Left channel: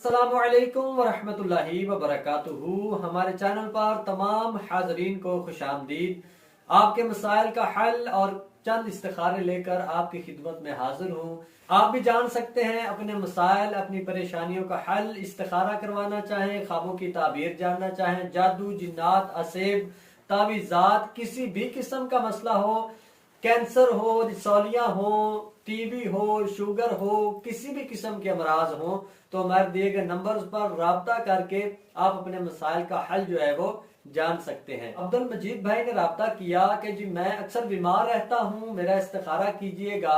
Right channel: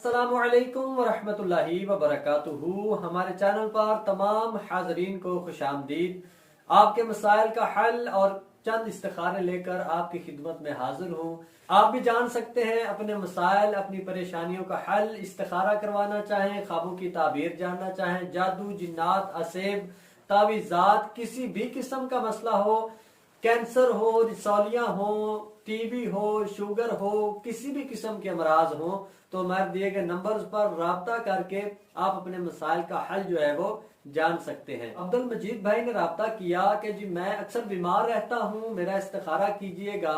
अस्सलामु अलैकुम वरहमतुल्लाहि वबरकातुहू। हमारे चैनल पर तमाम हाज़रीन को खुशामदीद। आपके मसाइल का हल और चंद इस्तिखारे लेकर आपकी खिदमत में हाजिर हूँ। आप भी जान सकते हैं अपने मसाइल, अपनी परेशानियों का हल, इस्तिखारा करवाना चाहें, ख्वाबों की ताबीर जानना चाहें, जादू, जिन्नात, असेब, तावीज़ात, किसी भी किस्म का मसला हो, कैंसर हो, रिसौलियाँ हो, टीबी हो, शुगर हो, किसी भी किस्म के अमराज हो, तो हमारे दिए गए नंबर्स पर राब्ता करके आप अपने मसाइल का हल जो है वो जान सकते हैं। अब्दुल मजीद भाई ने राब्ता किया कि जी मैं अक्सर बीमार रहता हूँ, मेरा इस्तिखारा कीजिएगा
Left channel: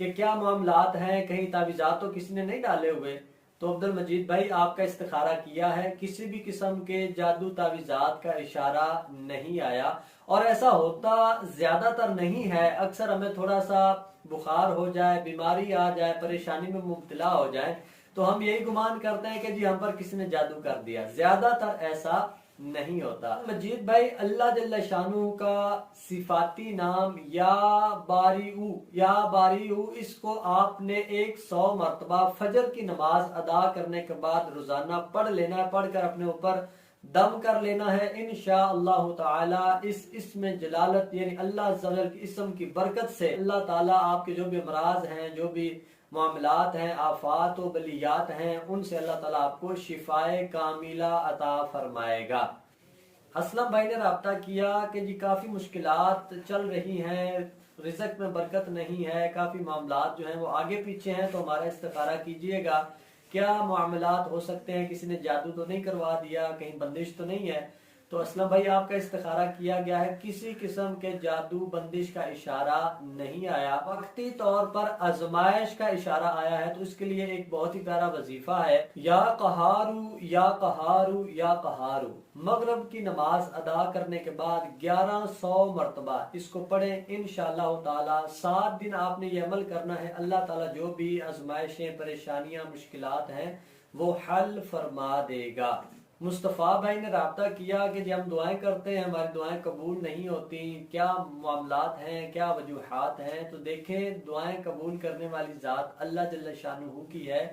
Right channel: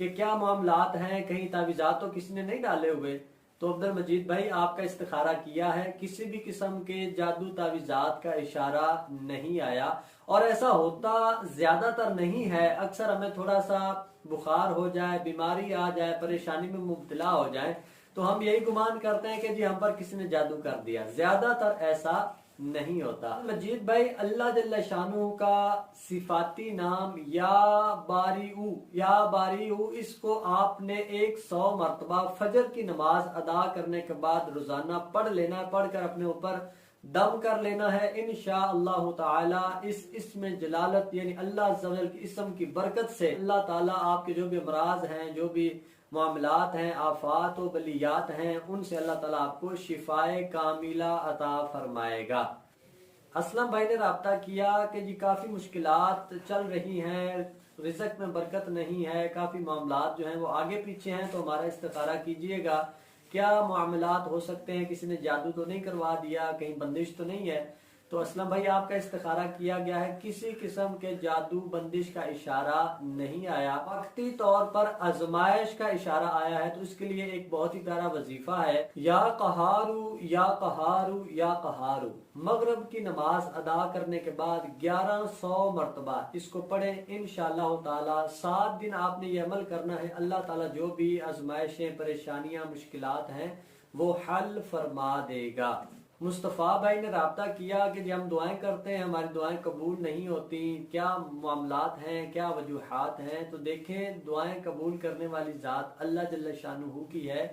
कि क्या मामलात हैं, कहीं तावीज़ात तो किसी ने नहीं डाले हुए। तो अब्दुल मजीद भाई आपका इस्तिखारा किया है, किसी भी किस्म के जादू तावीज़ात का इशारा नहीं आया और ऐसा होता ज्यादातर नहीं है। अक्सर हमें थोड़ा सा बुखार हो जाए, बीमारी आ जाए, परेशानी में मुब्तला हो जाए तो हम यही गुमान करते हैं कि जी हम पर किसी ने जादू कर दिया। ज्यादातर ऐसा नहीं होता। मजीद भाई, अल्लाह जल्ल शानू का सिफाती नाम या बारीऊ इसको आपने 100 मरतबा फजर की नमाज अदा करने के बाद रोजाना पढ़ लेना है। पढ़कर अपने ऊपर दम कर लेना है। इंशाअल्लाह ताला इस इसमें जलालत यानी अल्लाह अज़्ज़ा वजल की इसम की बरकत से अल्लाह ताला आपके जो भी अमराज हैं, जो भी मामलात हैं, आफात व बलियात हैं, उनसे अल्लाह ताला आपको शिफाए कामिला अता फरमाएगा। असलम भाई ने राब्ता किया कि जी काफ़ी मुश्किलात चल रही हैं, रिज़्क में बरकत नहीं है, काफ़ी मामलात जो हैं वो आगे पीछे हैं, तो हमारा इस्तिखारा कीजिएगा। क्या मामलात हो सकते हैं, किसी ने जादू तो नहीं करवा दिया, कहीं बंदिश तो नहीं है। तो असलम भाई आपका इस्तिखारा किया गया है, किसी किस्म के जादू बंदिश का इशारा नहीं आया, वक्ती तौर पर आजमाइश का इशारा आया है। तो इसके लिए एक बहुत ही प्यारा वजीफा है, या कहारू या कहारू या कहारू। मगरब की नमाज अदा करने के बाद 1100 मरतबा इसको पढ़ें। इंशाअल्लाह ताला 7 दिन आपने ये अमल करना है। अल्लाह ताला जो भी आजमाइशें, परेशानियां, मुश्किलात हैं वो हल फरमा देगा। मुस्तफ़ा भाई ने राब्ता किया कि जब हम दुआएं करते हैं हमारी दुआएं कबूल नहीं होती, क्या मामलात हैं, क्या वजूहात हैं। तो देखें, दुआएं कबूल करने वाली ज़ात अल्लाह जल्ल शानुहु की है,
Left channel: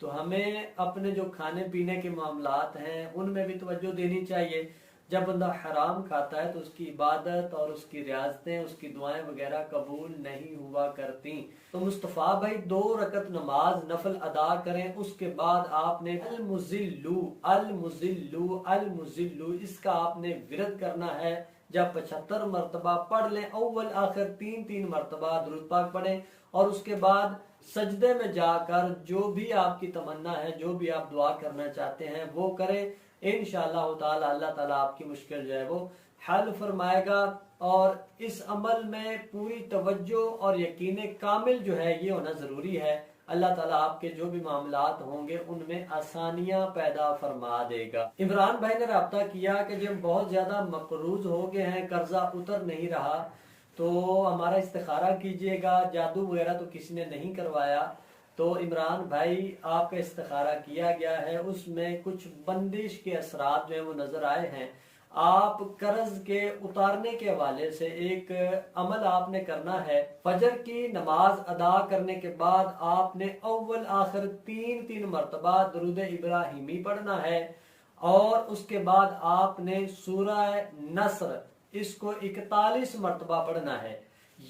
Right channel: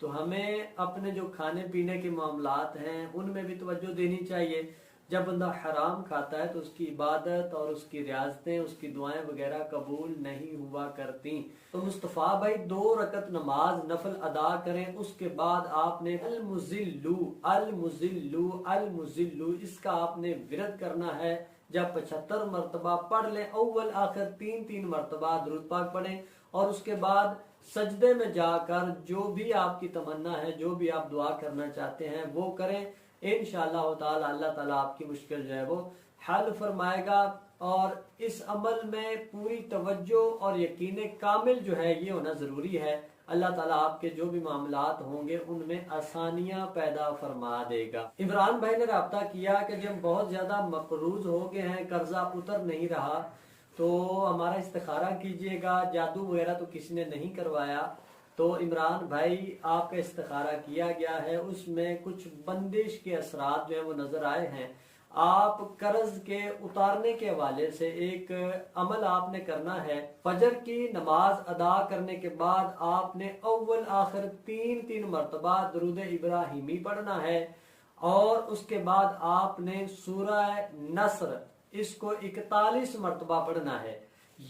तो हमें अपने जो खाने पीने के मामलात हैं उनमें भी तवज्जो देनी चाहिए। जब बंदा हराम खाता है तो उसकी इबादत और उसकी रियाजतें, उसकी दुआएं वगैरह कबूल नहीं हुआ करती। तो मुस्तफ़ा भाई 2 रकत नमाज नफल अदा करें, उसके बाद आपने अल मुज़िल्लू अल मुज़िल्लू अल मुज़िल्लू इसका आपने विरद करना है। जब 75 मरतबा पढ़ लें, अव्वल आखिर 3-3 मरतबा दुरूद पाक पढ़ें और उसके बाद सजदे में जाकर जो भी आपकी तमन्ना है, जो भी आप दुआ करना चाहते हैं वो करें। इंशाअल्लाह ताला अल्लाह ताला आपकी मुश्किल जो है वो हल फरमाएगा। और इस अमल में पूरी तवज्जो और यकीन कामिल जो है ये होना ज़रूरी है। अल्लाह ताला आपके जो भी मामलात होंगे उनमें आसानियां पैदा फरमा देगा। इमरान भाई ने राब्ता किया कि जब बहुत ज़्यादा मकरूज हो गए हैं, कर्जा उतर नहीं रहा, तो हमारा इस्तिखारा कीजिएगा। जादू वगैरह तो किसी ने नहीं करवाया। तो इमरान भाई आपका इस्तिखारा किया गया है, उसमें कुछ बंदिश के असरात जो है वो नजर आए हैं। आप कर्ज के उतारने के हवाले से एक अमल आपने करना है। फजर की नमाज अदा करने के बाद आपने अव्वल आखिर 3-3 मरतबा दरूद इब्राहिमी पढ़ना है और उसके बाद आपने सूरह नस्र इसको 41 मरतबा पढ़ना है।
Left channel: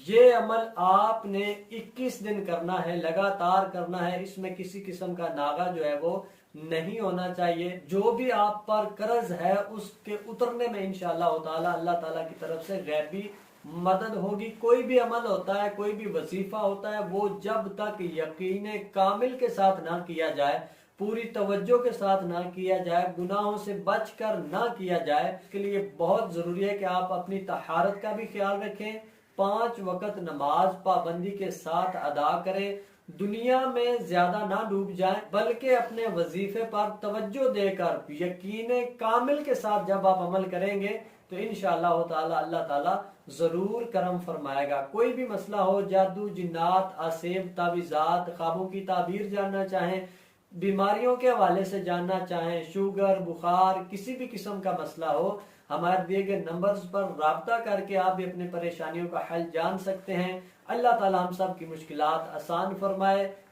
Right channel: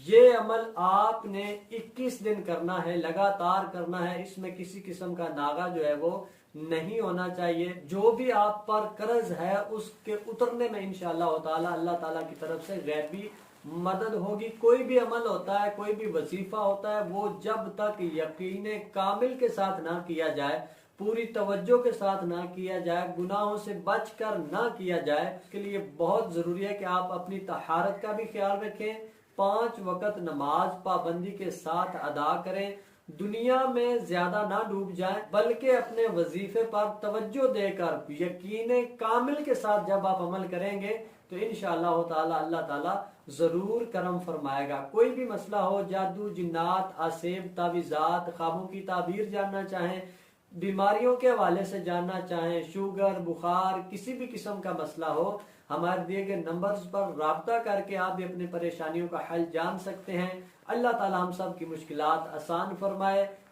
ये अमल आपने 21 दिन करना है, लगातार करना है। इसमें किसी किस्म का नागा जो है वो नहीं होना चाहिए। जो भी आप पर कर्ज है उसके उतरने में इंशाअल्लाह ताला अल्लाह ताला की तरफ से गैबी मदद होगी। कोई भी अमल होता है, कोई भी वजीफा होता है, वो जब तक यकीन कामिल के साथ ना किया जाए, पूरी तवज्जो के साथ ना किया जाए, गुनाहों से बचकर ना किया जाए, इसके लिए बहुत जरूरी है कि आप अपनी तहारत का भी ख्याल रखें, 5 वक्त नमाज पाबंदी के साथ अदा करें, दुनिया में ज्यादा ना डूब जाएं, बल्कि अपने वजीफे पर तवज्जो देकर यकीन कामिल के साथ जब आप अमल करेंगे तो इंशाअल्लाह ताला अल्लाह ताला जरूर करम फरमाएगा। कोई भी मसला हो, जादू, जिन्नात, असेब, तावीज़ात, ख्वाबों की ताबीर जानना चाहें, बीमारियों के हवाले से जानना चाहें, शुगर, बुखार, किसी भी किस्म का मसला हो, हमारे दिए गए नंबर्स पर राब्ता करके आप भी अपनी परेशानियों का हल जान सकते हैं। अल्लाह ताला हम सब की मुश्किलात आसान फरमाए।